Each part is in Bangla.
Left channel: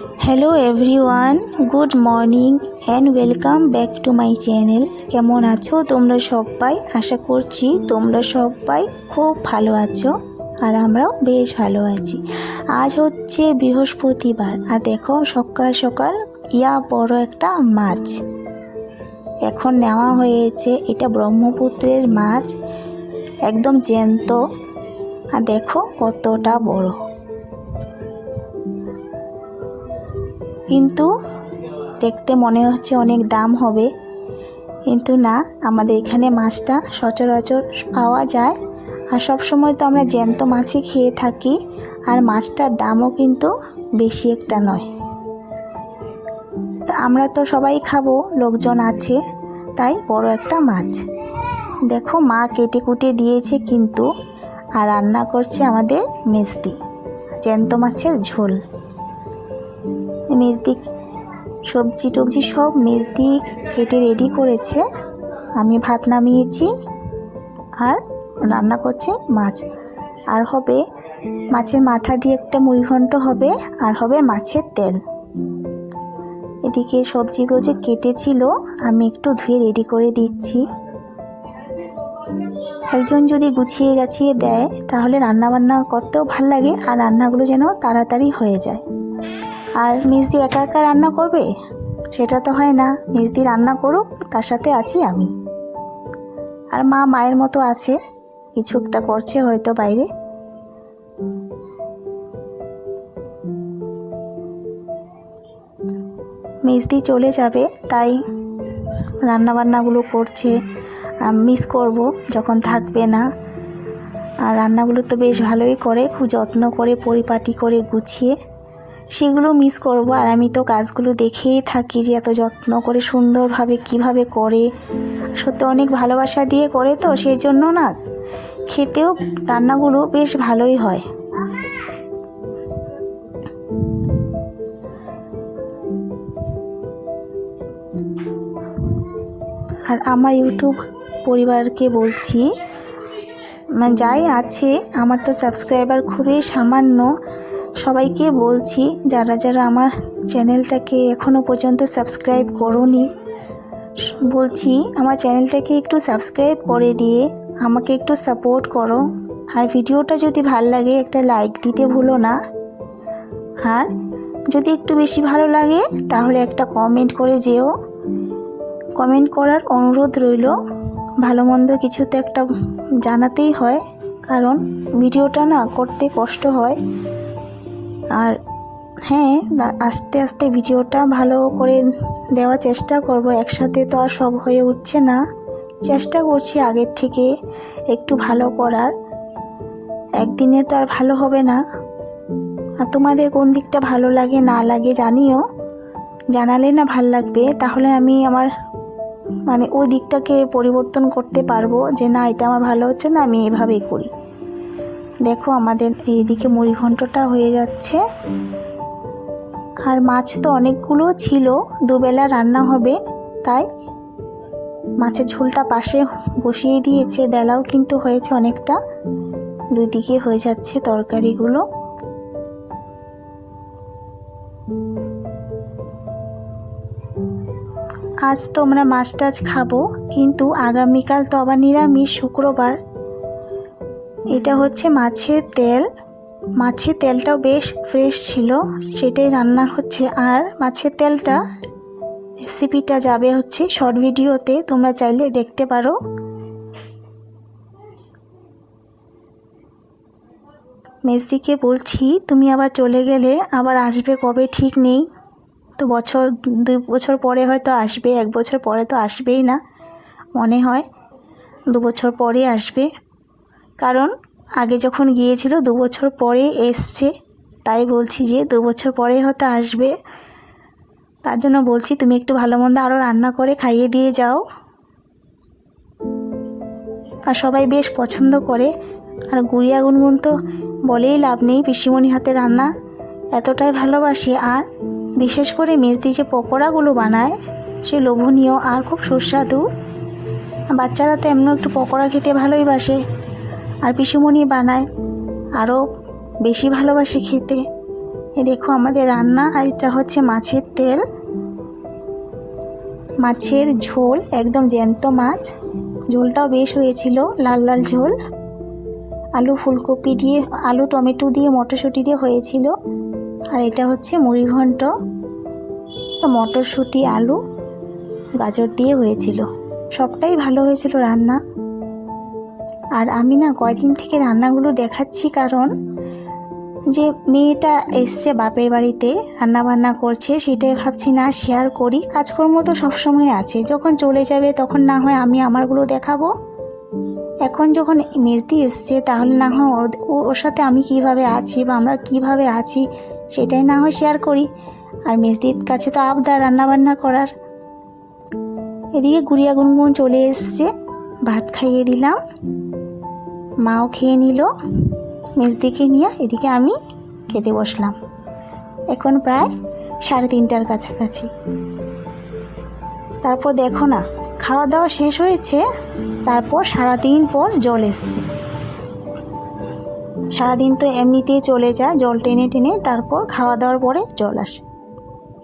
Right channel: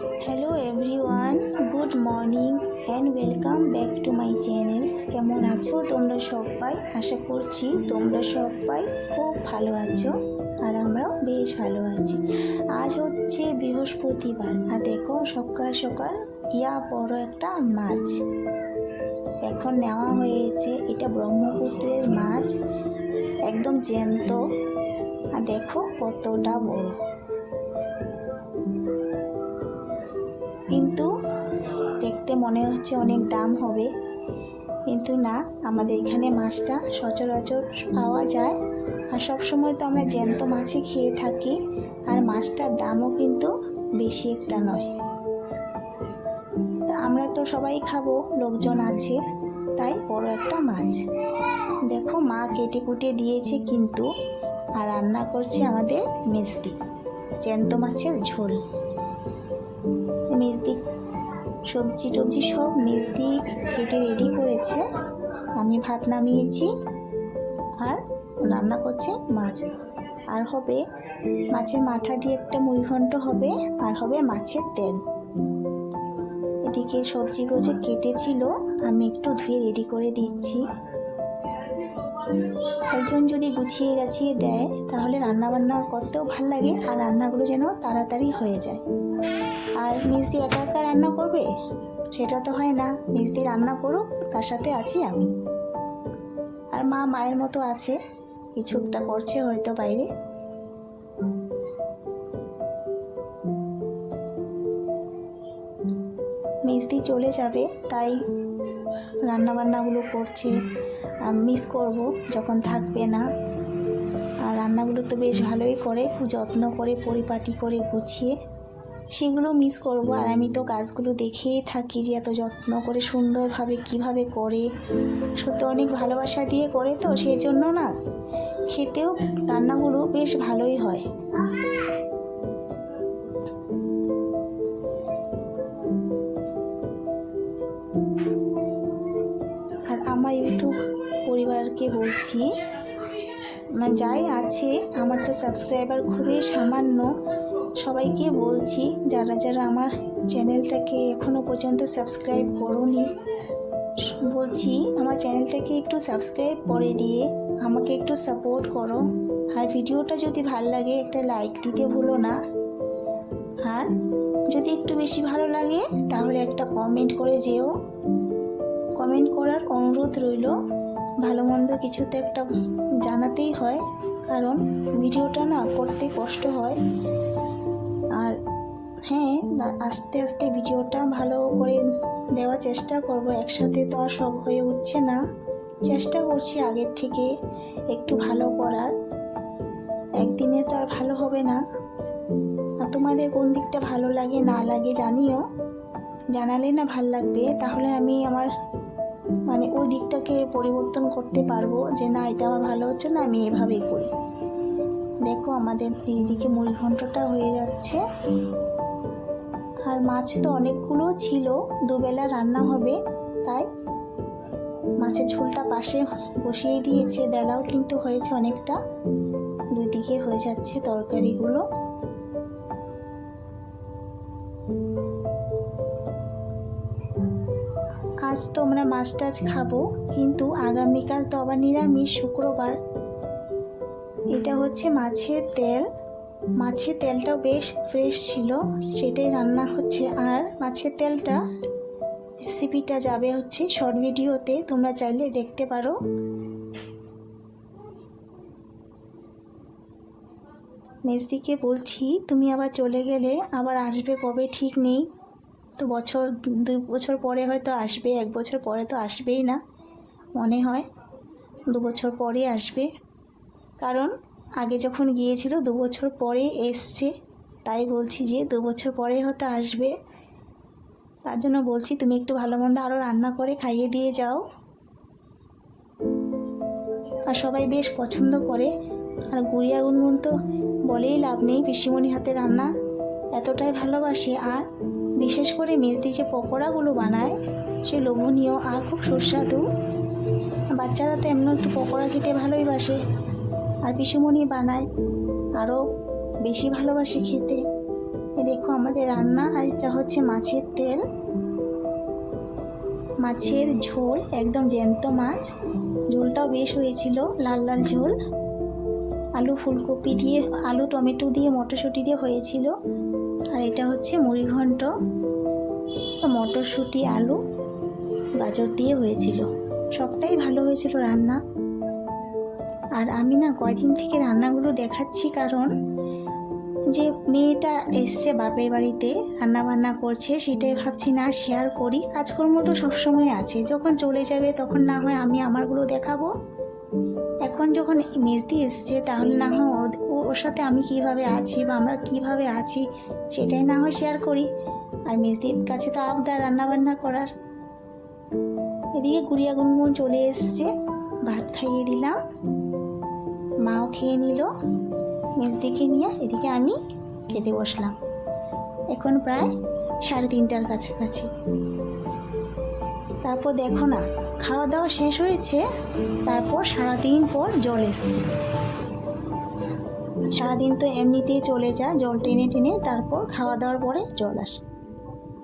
Hello everyone, good morning and welcome back to my channel. কেমন আছো তোমরা সবাই? আশা করছি তোমরা সবাই খুব ভালো আছো আর আমরাও বেশ ভালো আছি। আজ হচ্ছে বৃহস্পতিবার আর দেখো সকাল সকাল বড় একটা মাছ এখন নেওয়া হয়েছে। এটা ব্রহ্মপুত্রের মাছ, একদম জ্যান্ত। আর দেখো কতটা বড়, কিন্তু দেখতে মনে হচ্ছে অনেক দাম হবে, কিন্তু না, আমাদের এখানে মাছটা সচরাচর পাওয়া যায় আর সব সময় তো আমরা জ্যান্ত মাছই খেয়ে থাকি। আর মাছটার দামও কিন্তু বেশি একটা নয়। তা আমরা তো সবাই খাবো, লোকজন আছে, তাই বড় একটা মাছ। দেখো মা কেটে কুটে দিয়েছে কিন্তু, আর রান্না করছে আমাদের মেজদি জ্যান্ত মাছের ঝোল। মেজদি সবজি টবজি সব মেজদি কেটে রেডি করেছে। আমি ভাত নামিয়েছি আর রান্না করছে মাছ। আর হবে মাছের মাথা দিয়ে একটা মুড়িঘণ্ট হবে, আর হবে মাছের তেল। এদিকে সবজিগুলো যে কেটেছিল আমি একটু ধুয়ে রেডি করে দিচ্ছি। একজন যদি গুছিয়ে গাছিয়ে দেয় তাহলে রান্নাবান্না করতেও ভাল লাগে আর রান্নাগুলো যেন তাড়াতাড়ি হয়ে যায়। আর মেজদি একা একা রান্না করবে সেটা তো হয় না, মেজদি রান্না করুক, তার সাথে আছি আমি। আর মা মায়ের মতো আছে, কিছু একটা করছে হয়তো বাইরে। মেজদি চলে যাবে তাই রান্নাবান্নাগুলো করছে। মিস করব যখন থাকবে না। আর রান্নাগুলো তো বেশ ভালোই করে, খুব যত্ন করে পরিপাটি করে গুছিয়ে, সেগুলো মিস করব। আর আমি তো কাজগুলো দেখেই থাকি যে এত যত্ন করে সুন্দরভাবে কিভাবে করে, সত্যি অনেক ভালোবাসা দিয়ে করে, তো সেই জন্য না খেতেও রান্নাগুলো বেশ ভালোই হয়। আর আমার ইউটিউব পরিবারকে বলছি, যাই আছে, আমার তো সাবস্ক্রাইবার খুবই সামান্য, সবাইকে বলছি যারা যারা আমার চ্যানেলটাকে এখনও পর্যন্ত সাবস্ক্রাইব করোনি, বলছি আমার চ্যানেলটাকে একটু সাবস্ক্রাইব করে দিয়ে আমাকে একটু সাপোর্ট করো। আর ভিডিওটা যদি ভালো লাগে একটা লাইক দিতে ভুলো না। আর যদি একটু বেশি ভালো লাগে তাহলে একটা কমেন্ট করে যেও। কমেন্ট করার অনুরোধ রইল। ভালো মন্দ কিছু তো একটা জানাতেই হয়, কারণ ভিডিওটা না করতে কষ্ট হয়। আর হ্যাঁ, আস্তে আস্তে ভিডিওটা ভালো করে দেওয়ার চেষ্টা করব, একসাথে তো আর সব হয়ে উঠছে না। চেষ্টা করছি আগের থেকে একটু ভালো করার, একদিনে তো আর ভালো হবে না। আর তোমাদের কোন দিকটা ভালো লাগে না লাগে জানিও, জানালে না ভাল লাগবে, তাহলে আমি আমার ওই দিকটাকে পরিবর্তন করতে পারবো যে না, এটা আমার ভালো হচ্ছে না, আমি এভাবেই করি। দেখো আমাদের এইদিকে মুড়িঘণ্টটা হয়ে যাচ্ছে। আর মাছ তো অনেকগুলো ছিল, দুবেলা রান্না হবে, তাই মাছের ঝোলটা পাশে বসিয়ে দিয়েছে। বেলাও কিন্তু হয়েছে অনেকটা, দুই দিকে হয়ে যাচ্ছে তরকারিগুলো। আজ তো আমরা মাছ টাছ খাবো, কিন্তু আগামীকাল তো আবার নিরামিষ, শুক্রবার। এটা হচ্ছে মাছের তেল, মাছের তেলটাও বেশ ফ্রেশ ছিল, সেটাই রান্না হচ্ছে। আর মাছের তেলটা রেসিপিটা যাবে হচ্ছে শর্ট ভিডিওতে, তোমরা চাইলে দেখতে পারো। মেজদিকে বলছি তুমি আবার চলে গেলে আবার আসবে কবে ঠিক নেই, তো 2 বছর পরে হয়তো আসবে, 1 বছর পরে তো আসবেই না মনে হয়, 2 বছর পরে আসবে। কারণ আগে যখন গিয়েছিল 2 বছর পরে এসছে, তাই বলছি যে 2 বছর পরে হয়তো আসবে। তার জন্য বলছি তুমি একটু ভালো মন্দ আরও রান্না করে খাইয়ে দিয়ে যাও। আর সবাই বেশ পছন্দ করে। আর গুড়িয়া গুনগুন তো বলেই লাভ নেই, পিসিমণি হাতে রান্না এতটাই ভালোবাসে। আর বিশেষ করে মেজদি যে পকোড়াগুলো বানায় সে লোভনীয় আর খুব সুস্বাদু। বাচ্চারা তো এমন একটু পকোড়া খেতে ভালোই বাসে, আর পিসিমণি বানায় আরও বেশি ভালোবাসে খেতে। এই দেখো আমাদের রান্না। আর এটা হচ্ছে মাছের তেল, মাছের ঝোল, একদম জ্যান্ত মাছ। ঝোলটাও বেশ হয়েছিল, লাল লাল ঝোল। আলু ফুলকপি দিয়ে, আলু টমেটো দিয়ে, মটরশুঁটি দিয়ে হয়েছিল। আর এটা হচ্ছে মুড়ি ঘন্ট, মটরশুঁটি আলু গাজর দিয়ে হয়েছিল। সবটাই ভালো হয়েছিল রান্না। আর আমি না কয়দিন থেকে রান্নাগুলো দেখাচ্ছি, কারণ যে মেয়েটা এসছে বাপের বাড়িতে রান্না বান্না করছে, সেটাই ভাবছি না শেয়ার করি। কাজকর্ম তো সবসময় আছে, যখন চলে যাবে তখন না হয় আমি আমারগুলো দেখাবো। এখন যখন মেজদি এসছে তাহলে না হয় ওর সাথে আমি কিভাবে আছি বা আমরা কিভাবে আছি সেটাই না হয় শেয়ার করি। আর মেজদির কাছে তো আবদার রান্নাবান্না করার। এদিকে গুড়িয়া গুনগুন চলে এসছে, ভাত খাইয়ে দিলাম, মাও খেয়ে নিল মেজদিকে নিয়ে। এদিকে আমি খেতে বসলাম। এখন প্রায় 3:30টার কাছাকাছি। তারপর দেখো না, খাওয়া দাওয়া শেষ হয়েছে, তারপর 3 পর জল এসছে। সারাদিন তো এমনিতেই চলে যায় জল টেনে টেনে, তারপর খাওয়া দাওয়ার পরে জল আসে।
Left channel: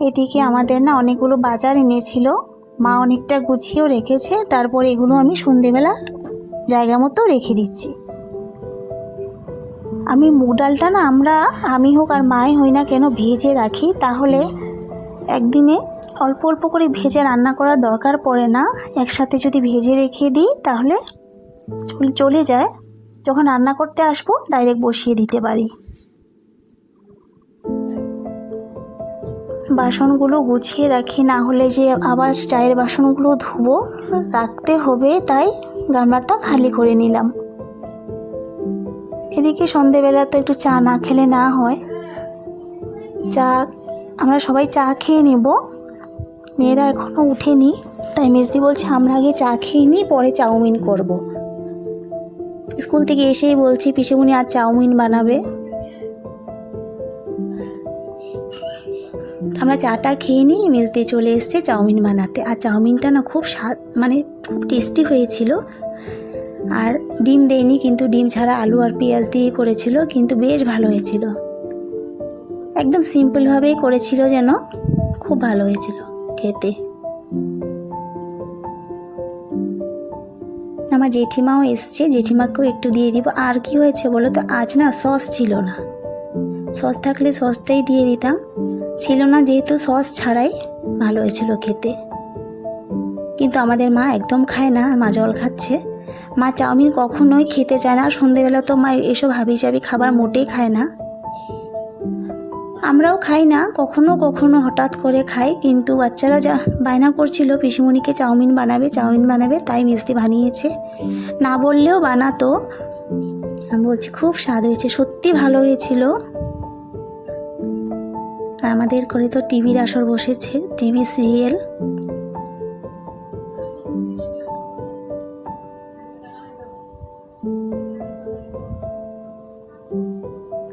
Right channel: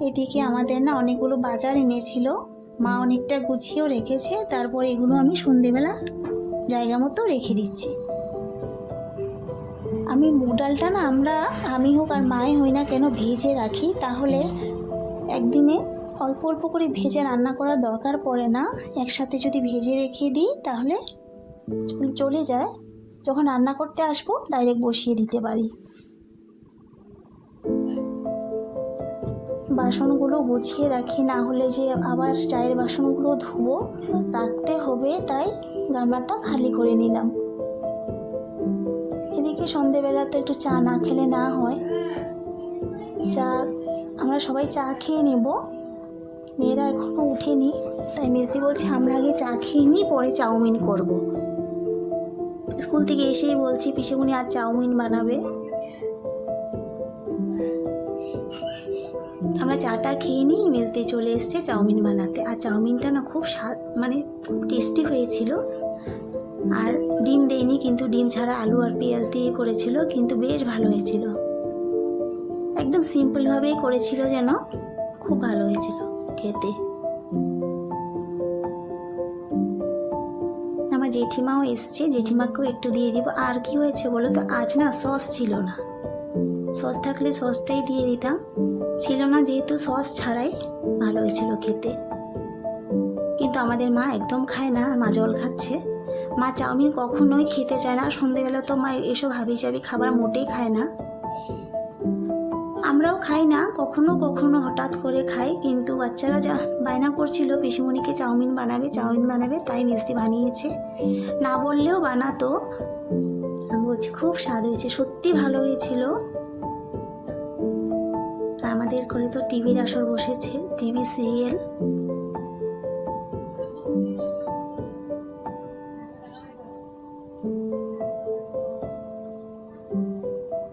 এদিকে আমাদের না অনেকগুলো বাজার এনেছিল, মা অনেকটা গুছিয়েও রেখেছে। তারপর এগুলো আমি সন্ধেবেলা জায়গা মতো রেখে দিচ্ছি। আমি মুগ ডালটা না আমি হোক আর মাই হই না কেন ভেজে রাখি, তাহলে একদিনে অল্প অল্প করে ভেজে রান্না করার দরকার পড়ে না। একসাথে যদি ভেজে রেখে দিই তাহলে চলে যায়, যখন রান্না করতে আসবো ডাইরেক্ট বসিয়ে দিতে পারি। বাসনগুলো গুছিয়ে রাখি, না হলে যে আবার চায়ের বাসনগুলো ধুবো, রাখতে হবে, তাই গামলাটা খালি করে নিলাম। এদিকে সন্ধেবেলা তো একটু চা না খেলে না হয়। আমরা সবাই চা খেয়ে নেব, মেয়েরা এখনও উঠেনি, তাই মেজদি বলছে আমরা আগে চা খেয়ে নিই, পরে চাউমিন করব। স্কুল থেকে এসেই বলছি পিসেমণি আজ চাউমিন বানাবে। আমরা চাটা খেয়ে নিই, মেজদি চলে এসছে চাউমিন বানাতে। আর চাউমিনটা না খুব স্বাদ, মানে খুব টেস্টি হয়েছিল। আর ডিম দেয়নি, কিন্তু ডিম ছাড়া আলু আর পেঁয়াজ দিয়ে করেছিল, কিন্তু বেশ ভালো হয়েছিল। একদম সিম্পলভাবেই করেছিল, যেন খুব ভালো হয়েছিল খেতে। আমার জেঠিমাও এসছে, জেঠিমাকেও একটু দিয়ে দিব। আর কি হয়েছে বলো তো, আজ না সস ছিল না। সস থাকলে সসটাই দিয়ে দিতাম, ছিল না যেহেতু সস ছাড়াই ভালো হয়েছিল খেতে। কিন্তু আমাদের মা একদম খায় না, মা জল খাচ্ছে। মা চাউমিন কখনোই খেতে চায় না, সন্ধেবেলা তো মা এসব হাবিজাবি খাবার মোটেই খায় না। আমরাও খাই না, কখনো কখনো হঠাৎ করে খাই। কিন্তু বাচ্চারা যা বায়না করছিল পিসিমণিকে চাউমিন বানাবে, তাই মেজদি বানিয়েছে। না বললেও বানাতো। আমি বলছি খুব স্বাদ হয়েছে, সত্যি ভালো হয়েছিল। আর আমাদের ঘরে তো টিভির আসর বসেছে, টিভি সিরিয়াল।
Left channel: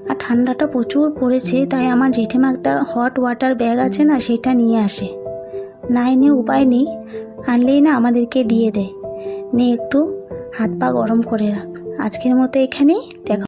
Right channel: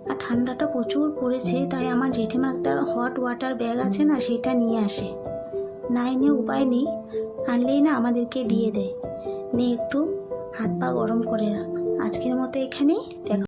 আর ঠান্ডাটা প্রচুর পড়েছে, তাই আমার জেঠিমা একটা হট ওয়াটার ব্যাগ আছে না, সেটা নিয়ে আসে। না এনে উপায় নেই, আনলেই না আমাদেরকে দিয়ে দেয়, নে একটু হাত পা গরম করে রাখ। আজকের মতো এখানেই দেখা।